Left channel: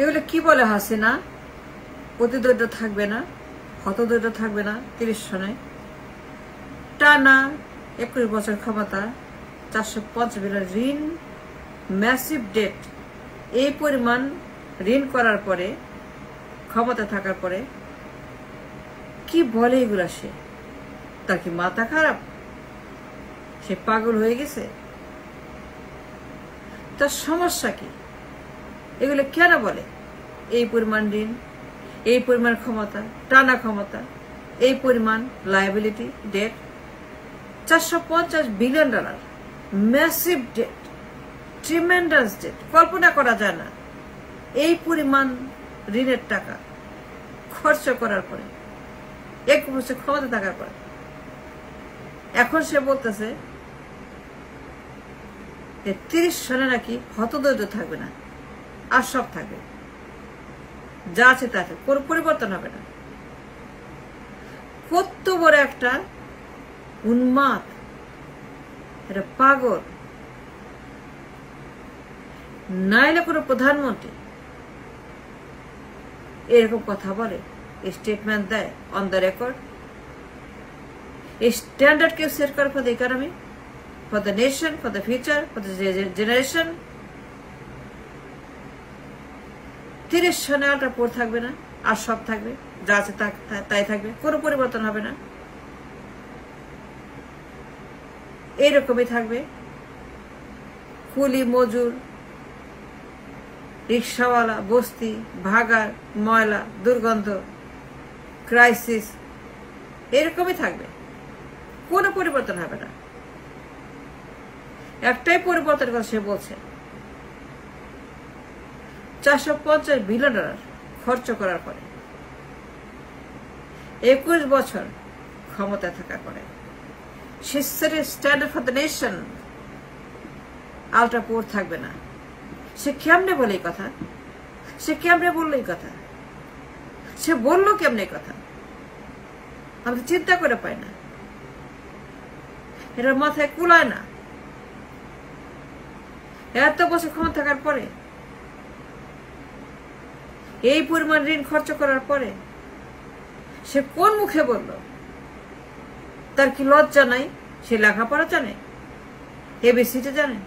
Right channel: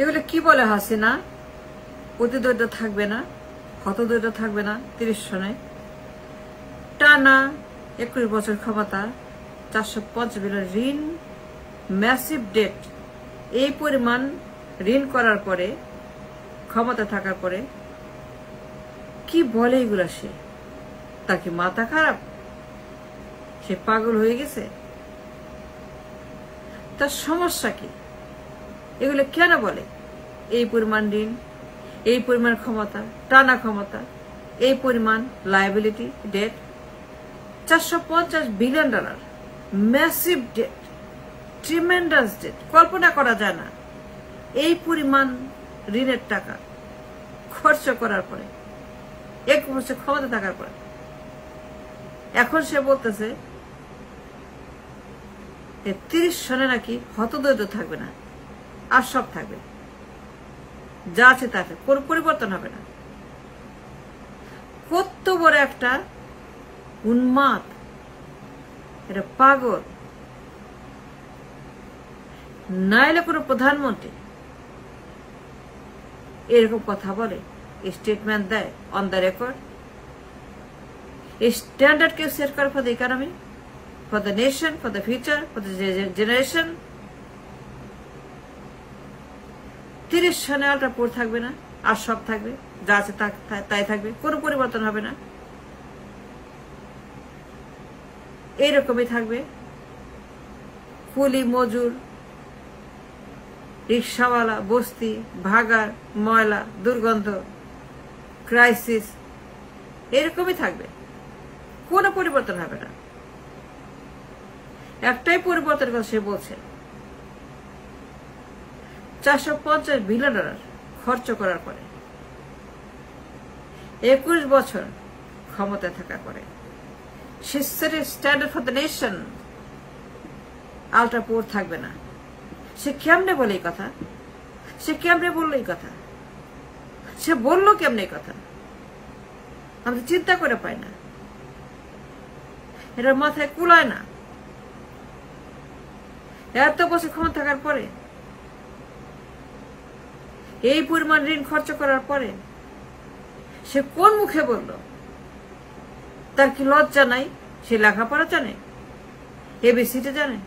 এগুলো কি বলে হাসিনা? প্রতিদ্বন্দ্ব থাকবে না, হতদরিদ্র থাকবে না। 30 সনে টানা 21 বছর ক্ষমতা, 450 বিলিয়ন ঋণ, ম্যাসিভ ডেট। এই পরিমাণ ঋণ করার পরে, ক্ষমতা থাকার পরে কি বলে এগুলা? সে তার কি মাথা খারাপ? সে পাগল হয়ে গেছে? তার সমস্যা কি? এগুলো কেন বলে? এই পরিমাণ ঋণ, এই পরিমাণ ক্ষমতা, টানা ক্ষমতা, এই পরিমাণ liability, debt, $450 billion, massive debt, tremendous debt. কল্পনা করা যায় না এই পরিমাণ ঋণের টাকা খরচ করার পরে, 1 বছর ক্ষমতা থাকার পরে। এখন সে বলতেছে 30 সনে নাকি হতদরিদ্র থাকবে না, আর সব থাকবে, যা আছে তাকে, কোনো পরিবর্তন হবে না। কত বড় একটা উন্মাদ, এটা পাগল। নাইলে কোনো প্রধানমন্ত্রী এরকম কথা বলে, স্টেটমেন্ট দেয় অন দ্য রেকর্ড? এই স্ট্যান্ডার্ড কেউ সেট করে for the economy, for the nation, for the future, for the generation. 30 সনে আলট্রা পোর থাকবে না, আর সব থাকবে, যা আছে তাই থাকবে, কোনো পরিবর্তন হবে না। এইরকমই থাকবে। কুলি, মজুর, রিক্সাওয়ালা, বস্তি, ভাগার, ময়লা, দুর্গন্ধ, ক্রাইসিস, এরকমই থাকবে, কোনো পরিবর্তন হবে না। একটাই পরিবর্তন কথা সে বলছে, $450 বিলিয়ন খরচ করার পরে, 21 বছর ক্ষমতা থাকার পরে, সে standard for the nation, ultra poor থাকবে না। সে কেমনে বলে এই কথা? সে কেমনে বললো এই কথা? সে বললো কেমনে এই কথা? আমরা চিন্তা করে পাই না, এটার মাথায় কুলায় না। এত বছর ক্ষমতা থাকার পরে, এই পরিমাণ ঋণ খরচ করার পরে সে কোন মুখে বলল? তার কি লজ্জা নাই? সে লেখাপড়া জানে, এবিসিতে জানে,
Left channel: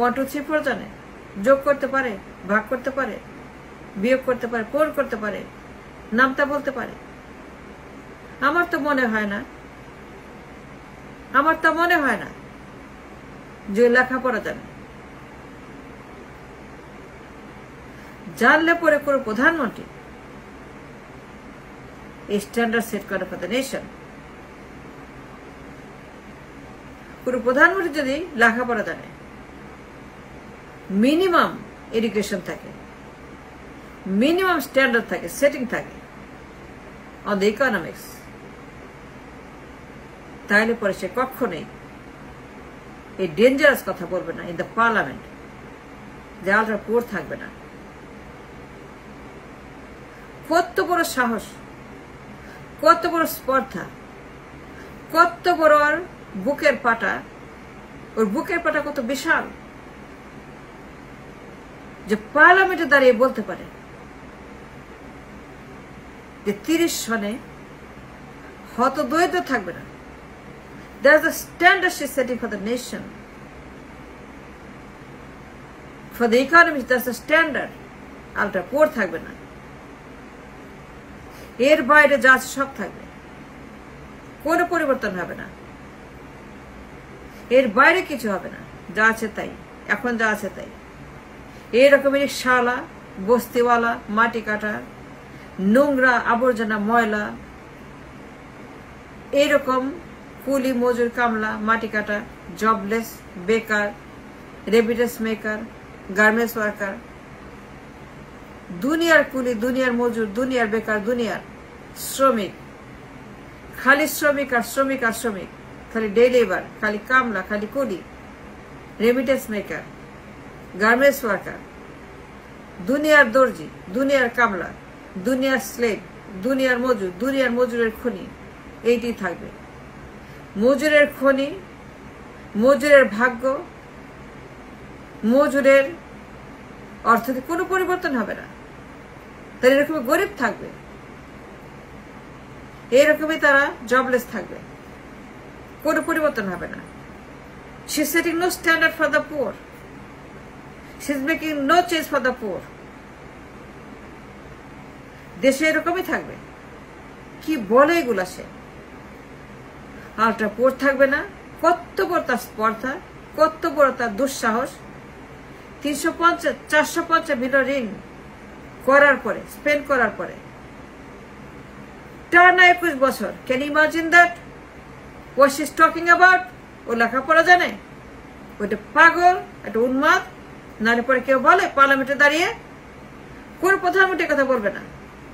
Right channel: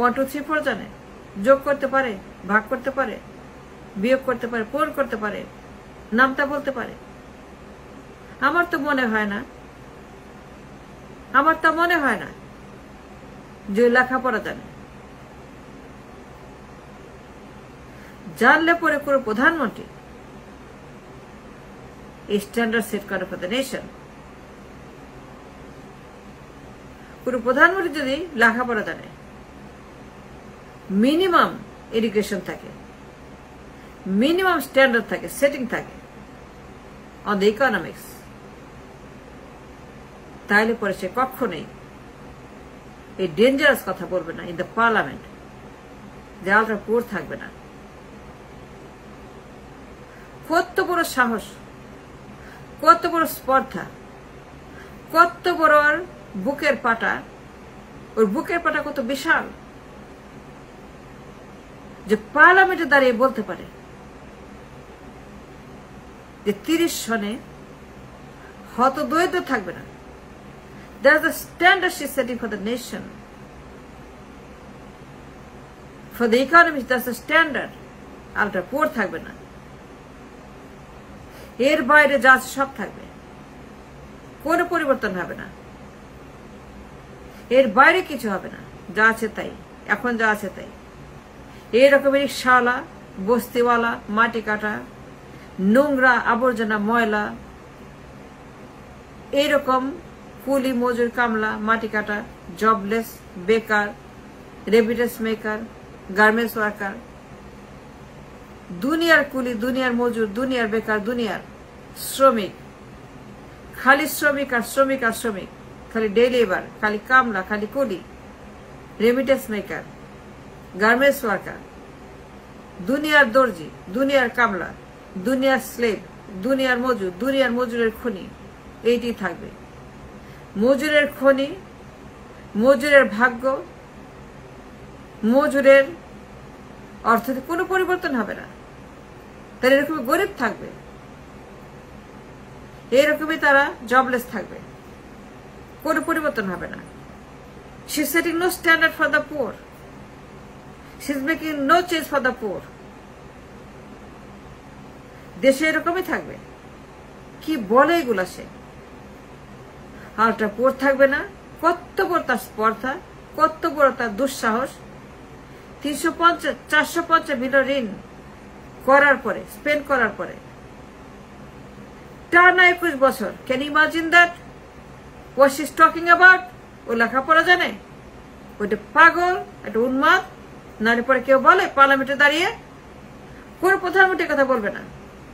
1 2 3 4 জানে, যোগ করতে পারে, ভাগ করতে পারে, বিয়োগ করতে পারে, পূরণ করতে পারে, নামটা বলতে পারে? আমার তো মনে হয় না যে লেখাপড়া জানে। জানলে পরে কোনো প্রধানমন্ত্রী স্ট্যান্ডার্ড সেট করে ফর দ্য নেশন। কোন প্রধানমন্ত্রী যদি লেখাপড়া জানে, মিনিমাম এডুকেশন থাকে, মিনিমাম স্ট্যান্ডার্ড থাকে, সেটিং থাকে অন দ্য ইকোনমিক্স, তাহলে পরে সে কখনোই এই ডেঞ্জারাস কথা বলবে না ইন দ্য পার্লামেন্ট যে আলট্রা পোর থাকবে না। কত বড় সাহস, কত বড় স্পর্ধা, কত বড় বুকের পাটা! ওর বুকের পাটা কত বিশাল যে পার্লামেন্টে দাঁড়িয়ে বলতে পারে যে 30 সনে হতদরিদ্র থাকবে না। There is a standard she is setting for the nation, for the economy. That's the standard. Ultra poor থাকবে না, এর বাইরে যা আছে সব থাকবে, কোনো পরিবর্তন হবে না, এর বাইরে কিছু হবে না, যা আছে তাই, এখন যা আছে তাই। এরকম রিক্সাওয়ালা, বস্তিওয়ালা, মাটি কাটা, নোংরা, আবর্জনা, ময়লা, এইরকম কুলি, মজুর, কামলা, মাটি কাটা, জবলেস, বেকার, রেমিটেন্স মেকার, গার্মেন্টস ওয়ার্কার, দুনিয়ার কুলি, দুনিয়ার মজুর, দুনিয়ার বেকার, দুনিয়ার শ্রমিক, খালি শ্রমিক আর শ্রমিক আর শ্রমিক, খালি ডে লেবার, খালি কামলা, খালি কুলি, রেমিটেন্স মেকার, গার্মেন্টস ওয়ার্কার, দুনিয়ার দর্জি, দুনিয়ার কামলা, দুনিয়ার স্লেভ, দুনিয়ার মজুর, দুনিয়ার মজুরের খনি, এইটি থাকবে। মজুরের খনি, মজুরের ভাগ্য, মজুরের অর্থনীতি কোনো পরিবর্তন হবে না। এরকমই গরিব থাকবে, এরকমই তারা জবলেস থাকবে, কোনো পরিবর্তন হবে না। She is setting no standard for the poor, she is making no change for the poor. দেশে এরকমই থাকবে। কি বলে এগুলা সে? আলট্রা পুয়ার থাকবে না। কত বড় তার স্পর্ধা, কত বড় তার দুঃসাহস। 350-450 বিলিয়ন ঋণ করার পরে, স্পেন্ড করার পরে টানা 21 বছর। Can you imagine that? What she is talking about? ও লেখাপড়া জানে? ওইটা পাগল, একটা উন্মাদ। নাহলে পরে কেউ বলে পার্লামেন্টে দাঁড়িয়ে? কোন প্রধানমন্ত্রীর কথা বলবে না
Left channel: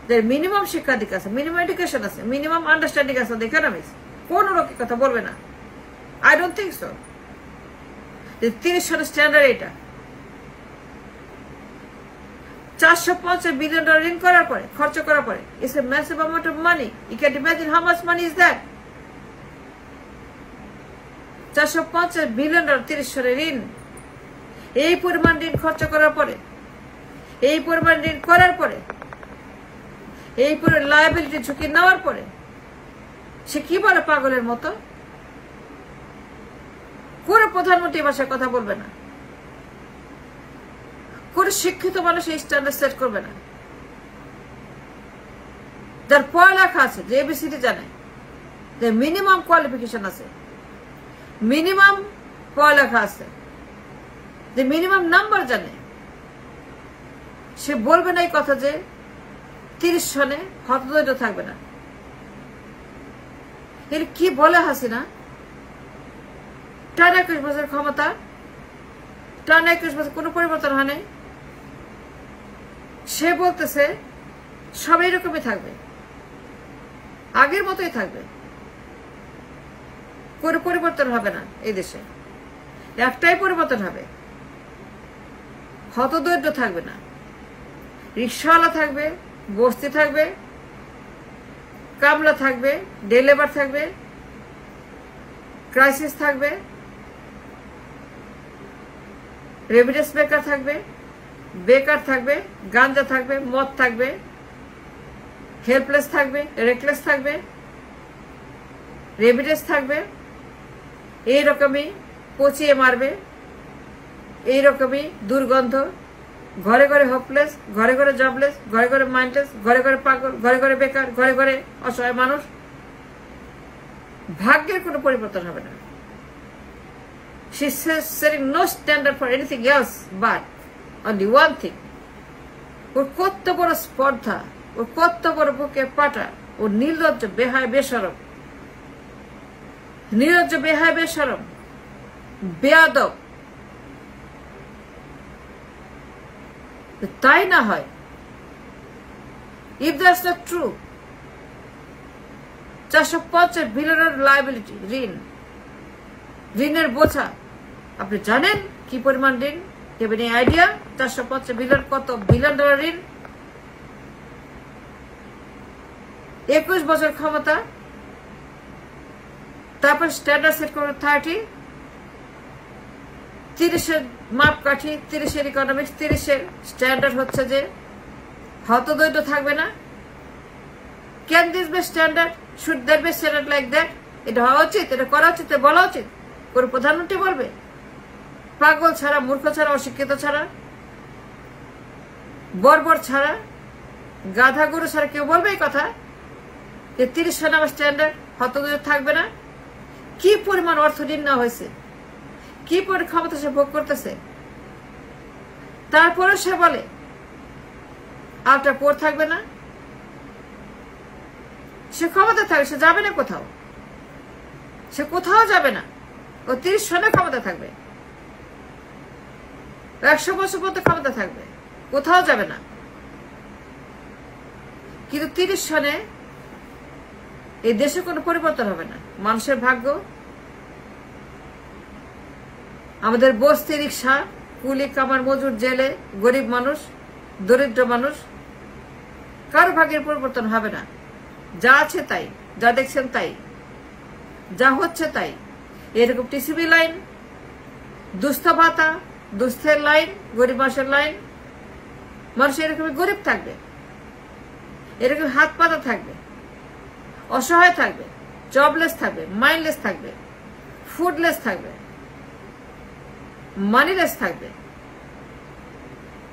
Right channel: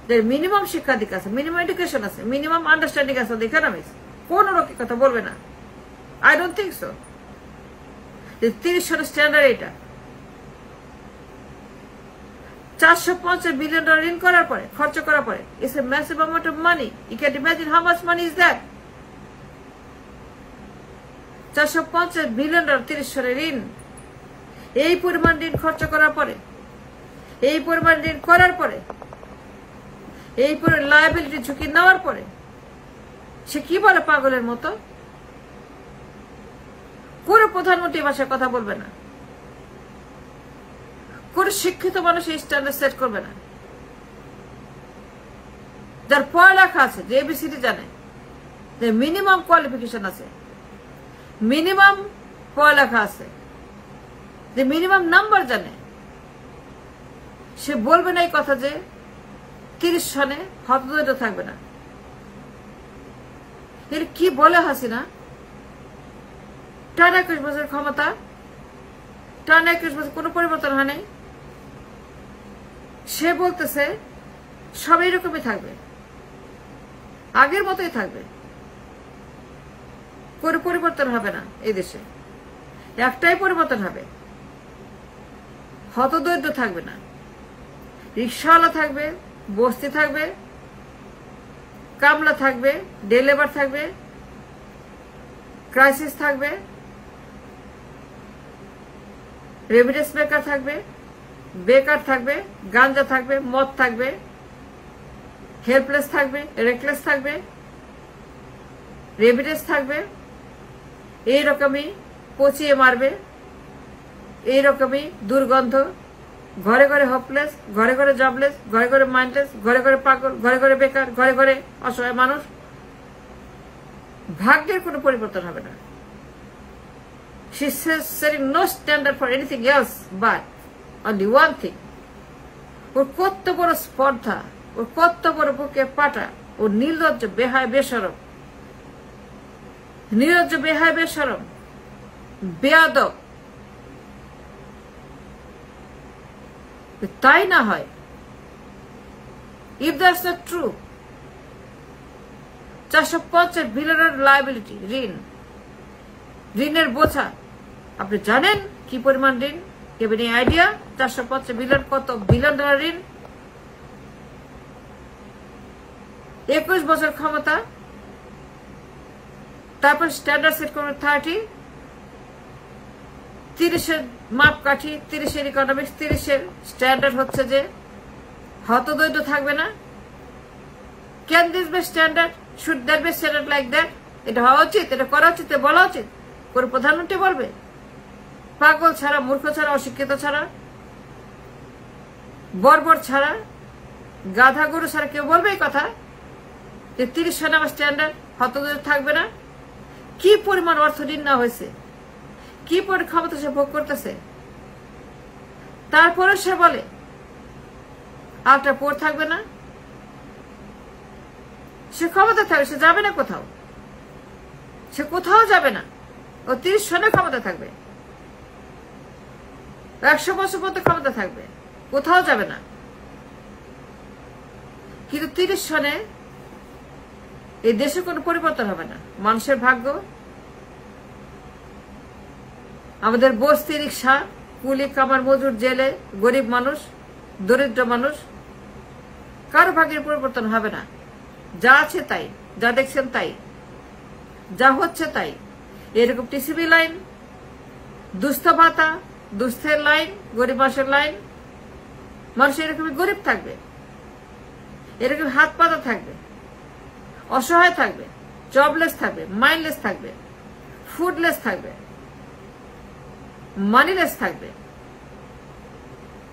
যে মিনিমাম শিক্ষাধিকার আছে, মিনিমাম এডুকেশন আছে, মিনিমাম আন্ডারস্ট্যান্ডিং আছে ইকোনমিক্স? কোন লোকের কথা বলবে না? I don't think so. 30 সালের স্ট্যান্ডার্ড এটা। 450 বিলিয়ন ডলার ঋণ করার পরে, খরচ করার পরে, it's a massive amount of money. You can imagine how much money is that? 450 billion dollar 30 সালের ঋণ। এই পরিমাণ ঋণ খরচ করার পরে, এই পরিমাণ ঋণ করার পরে, এই পরিমাণ লায়াবিলিটি ঝুঁকি নেওয়ার পরে সে কি বলে পাগলের মতো? কোন প্রধানমন্ত্রী ভাষায় কথা বলবে না, কোন শিক্ষিত মানুষ এই স্ট্যান্ডার্ড সেট করবে না। যার পড়ালেখা আছে, যে এবিসিডি জানে, যে মিনিমাম কোয়ালিফিকেশন আছে, মিনিমাম পড়ালেখা আছে, যে মিনিমাম নাম্বার জানে, সে বলবে না এই কথা যে 30 সনে হতদরিদ্র থাকবে না। কি বলে হাসিনা? টানা 21 বছর ক্ষমতা, টানা 21 বছর কোন পরিবর্তন হয় নাই। সে বলতেছে সব এইরকমই থাকবে, আগের মতোই থাকবে, কোন পরিবর্তন হবে না। এই দেশে একটাই পরিবর্তন হবে, হতদরিদ্র থাকবে না, রিক্সাওয়ালা থাকবে, বস্তি থাকবে, কামলা থাকবে, ডে লেবার থাকবে, ক্রাইসিস থাকবে, রেমিটেন্স বেকার থাকবে, বেকার থাকবে, গাঞ্জা থাকবে, মদ থাকবে, হেল্পলেস থাকবে, রেকলেস থাকবে, রেমিটেন্স থাকবে, এইরকমই পচিয়ে মারবে, এইরকমই দুর্গন্ধ, ঘরে ঘরে হোপলেস, ঘরে ঘরে জবলেস, ঘরে ঘরে মাইন্ডলেস, ঘরে ঘরে পাগল, ঘরে ঘরে বেকার, ঘরে ঘরে অসহায় মানুষ। ভাগ্যের কোনো পরিবর্তন হবে না। She is setting no standard for anything else but only one thing. ওর কত বড় স্পর্ধা, ওর কত বড় বুকে পাঠায়, ও নির্লজ্জ, বেহায় বেশরম, নির্লজ্জ, বেহায় বেশরম, বেয়াদব। তাই না হয়, if that's not true, 450 বিলিয়নের লায়াবিলিটি, ঋণ, ঋণের বোঝা। আপনি জানেন কি পরিমাণ ঋণ? কেবল আইডিয়া? 450 বিলিয়ন, কত বিলিয়ন ডলার ঋণ। 21 বছর ক্ষমতা, তারপর স্ট্যান্ডার্ড সেট করবে 30, 30-এর মাপকাঠি, 30-এর ইকোনমিক্স, 30-এর স্ট্যান্ডার্ড হচ্ছে যে হতদরিদ্র থাকবে না। Can this be standard? Should that be standard like that? এটা হওয়া উচিত, এটা করা উচিত, বলা উচিত। কোন প্রধানমন্ত্রী বলবে? পাগল ছাড়া, মূর্খ ছাড়া, অশিক্ষিত ছাড়া, বর্বর ছাড়া, গাধা গরু ছাড়া কেউ বলবে এই কথা যে 30 সনে আমার স্ট্যান্ডার্ড, হতদরিদ্র থাকবে না? কি পরিমাণ অর্থ ঋণ নেওয়া হয়েছে, কি পরিমাণ ক্ষমতা সে ভোগ করতেছে, তারপরেও সে বলে আলট্রা পুয়ার থাকবে না। সে ক্ষমতা থাকবে, সে যাবে না কোথাও, সে কোথাও যাবে না। ও 30 সনে ক্ষমতা থাকবে, 100 বছর পর্যন্ত ক্ষমতা থাকবে, কোথাও যাবে না। কিন্তু 30 সনে এই দেশে কোনো পরিবর্তন হবে না। মানুষের ভাগ্য, আমাদের বস্তি, রিক্সা, কুলি, কামার, মজুর, জেলে, গরিব মানুষ, দরিদ্র মানুষ, কারো ভাগ্যের পরিবর্তন হবে না। যা আছে তাই, যা দেখছেন তাই, যা হচ্ছে তাই। এরকম টিসিবি লাইন, দুস্থ ভাতা, দুস্থের লাইন, গরিব মানুষের লাইন, মানুষ এরকমই গরিব থাকবে। এরকম হাত পাতা থাকবে, অসহায় থাকবে, জবলেস থাকবে, মাইন্ডলেস থাকবে, ফুডলেস থাকবে, মানিলেস থাকবে,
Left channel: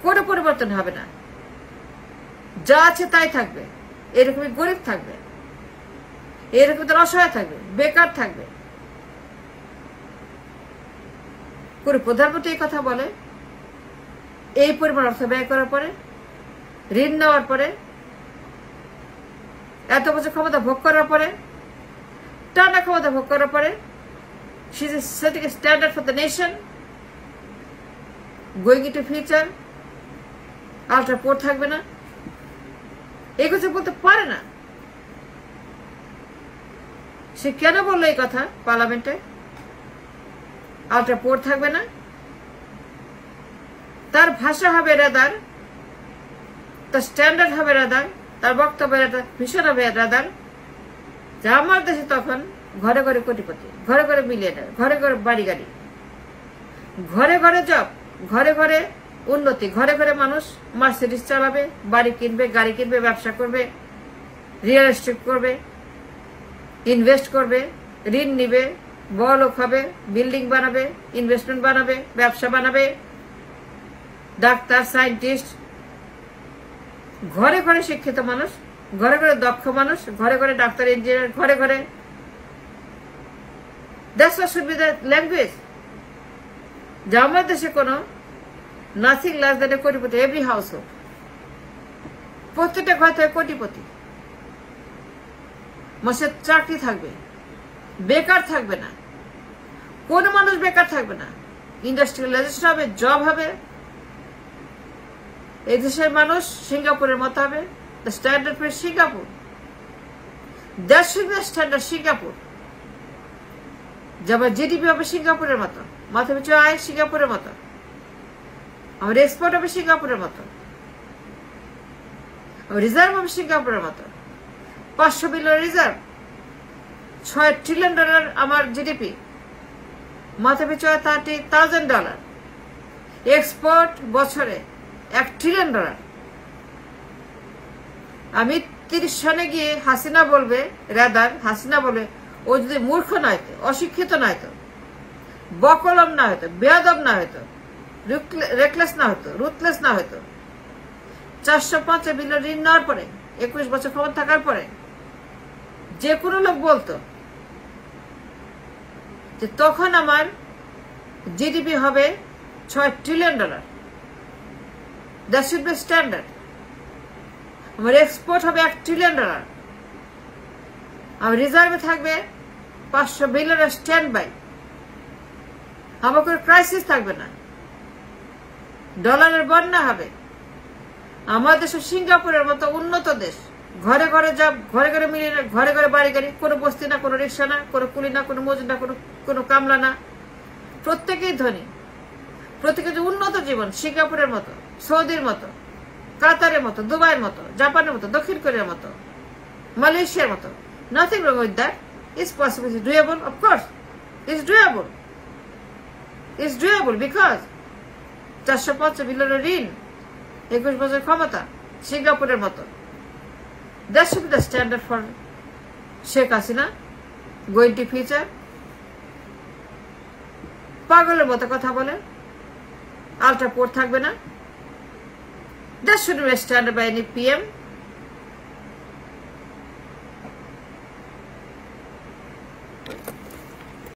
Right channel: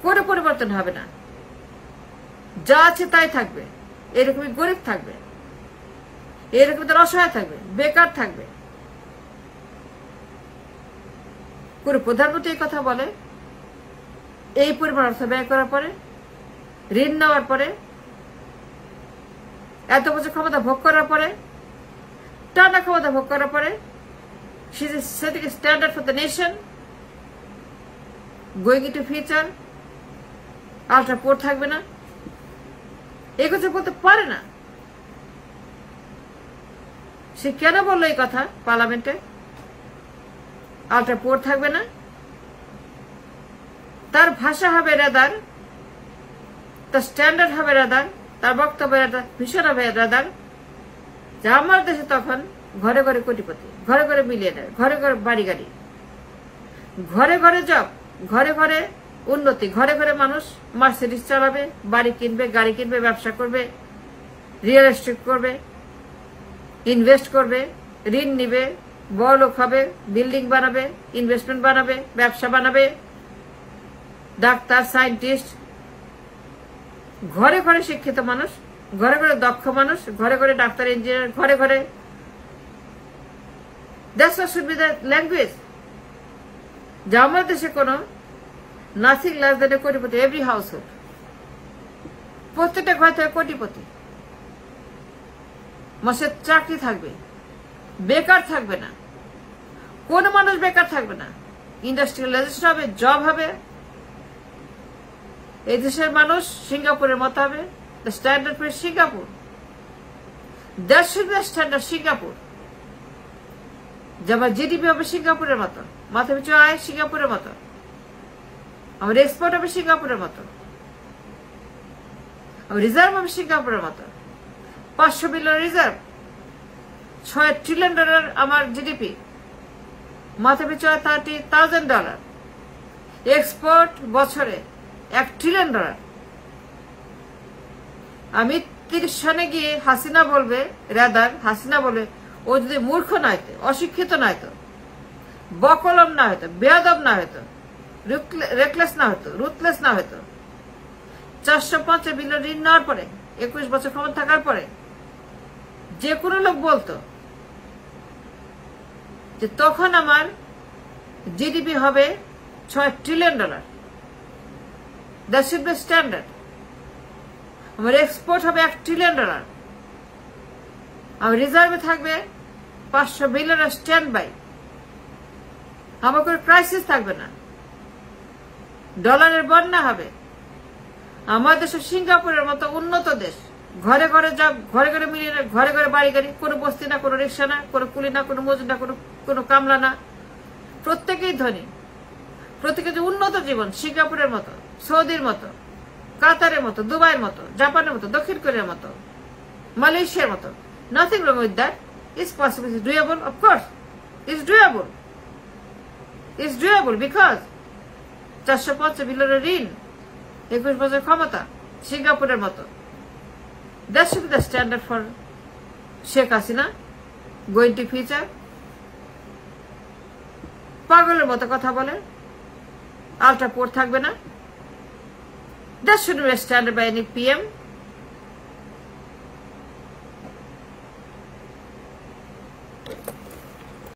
কোনো পরিবর্তন হবে না, যা আছে তাই থাকবে, এরকমই গরিব থাকবে, এরকম তার অসহায় থাকবে, বেকার থাকবে। কোন প্রধানমন্ত্রী এই কথা বলে? এই পরিমাণ অর্থ ব্যয় করার পরে, ঋণ নেওয়ার পরে, এত বছর ক্ষমতা ভোগ করার পরে, টানা ক্ষমতা ভোগ করার পরে, she is setting a standard for the nation, going into future, ultra poor থাকবে না, এই কথা বলতে পারে না। সে কেন বললো এই কথা পার্লামেন্টে? আল্ট্রা পোর থাকবে না, তার ভাষা হবে রাদার, তার স্ট্যান্ডার্ড হবে রাদার, তার বক্তব্য ভীষণ হবে রাদার যে আমার দেশে তখন ঘরে ঘরে কোটিপতি, ঘরে ঘরে মিলিয়নার, ঘরে ঘরে বাড়ি গাড়ি, ঘরে ঘরে জব, ঘরে ঘরে উন্নতি, ঘরে ঘরে মানুষ মার্সিডিজ চালাবে, বাড়ি কিনবে, গাড়ি কিনবে, ব্যবসা করবে, রিয়েল এস্টেট করবে, ইনভেস্ট করবে, ঋণ নিবে, বড়লোক হবে, বিল্ডিং বানাবে, ইনভেস্টমেন্ট বানাবে, ব্যবসা বানাবে, ডাক্তার, সায়েন্টিস্ট, ঘরে ঘরে শিক্ষিত মানুষ, ঘরে ঘরে দক্ষ মানুষ, ঘরে ঘরে ডাক্তার, ইঞ্জিনিয়ার, ঘরে ঘরে। That's what should be the language. যে আমার দেশে কোনো নাথিং লেস দ্যান এ কোটিপতি, এভরি হাউস হোল্ড, প্রত্যেকটা ঘর থেকে কোটিপতি, মাসের চাকরি থাকবে, বেকার থাকবে না, কোন মানুষ বেকার থাকবে না, ইন্ডাস্ট্রিয়ালাইজেশন হবে, জব হবে, এই দেশের মানুষ সিঙ্গাপুরের মতো হবে, the standard for Singapore, that should be the standard Singapore. যেমন জিডিপি হবে সিঙ্গাপুরের মতো, মাথা পিছু আয় সিঙ্গাপুরের মতো, আমার এক্সপোর্ট হবে সিঙ্গাপুরের মতো, রিজার্ভ হবে সিঙ্গাপুরের মতো, 500 বিলিয়ন রিজার্ভ, $6 ট্রিলিয়ন আমার জিডিপি, মাথা পিছু আয় $30,000, এক্সপোর্ট বছরে $1 ট্রিলিয়ন। আমি 30 সনে গিয়ে হাসিনা বলবে, রাদার হাসিনা বলবে, ও যদি মূর্খ না হতো, অশিক্ষিত না হতো, বকলম না হতো, বেয়াদব না হতো, রেকলেস না হতো, রুথলেস না হতো, 405 বিলিয়ন ঋণ নেওয়ার পরে, 21 বছর ক্ষমতা থাকার পরে যে কোনো লোক বলতো যে তখন আমার জিডিপি হবে $6 trillion, that should be standard. আমার এক্সপোর্ট হবে $1 ট্রিলিয়ন, আমার রিজার্ভে থাকবে 500 বিলিয়ন স্ট্যান্ড বাই, আমার কোনো ক্রাইসিস থাকবে না, ডলারের বন্যা হবে, আমার দেশে সিঙ্গাপুরের মতো উন্নত দেশ, ঘরে ঘরে জব, ঘরে ঘরে মিলিয়নার, ঘরে ঘরে বাড়ি গাড়ি, কোনো বস্তি না, কোনো রিক্সা না, কোনো কুলি না, কোনো মজুর না, কোনো কামলা না, প্রত্যেকেই ধনী, প্রত্যেকে উন্নত জীবন, সিঙ্গাপুরের মতো, সৌদির মতো, কাতারের মতো, দুবাইয়ের মতো, জাপানের মতো, দক্ষিণ কোরিয়ার মতো, মালয়েশিয়ার মতো। Nothing wrong with that. It's possible. It's doable. Of course. It's doable. It's doable because 405 বিলিয়নের ঋণ, 21 বছর ক্ষমতা, সিঙ্গাপুরের মতো। That should be the standard for Sheikh Hasina going to future. পাগলের মতো কথা বলে, আল্ট্রা পোর থাকবে না। That should be a standard by any PM.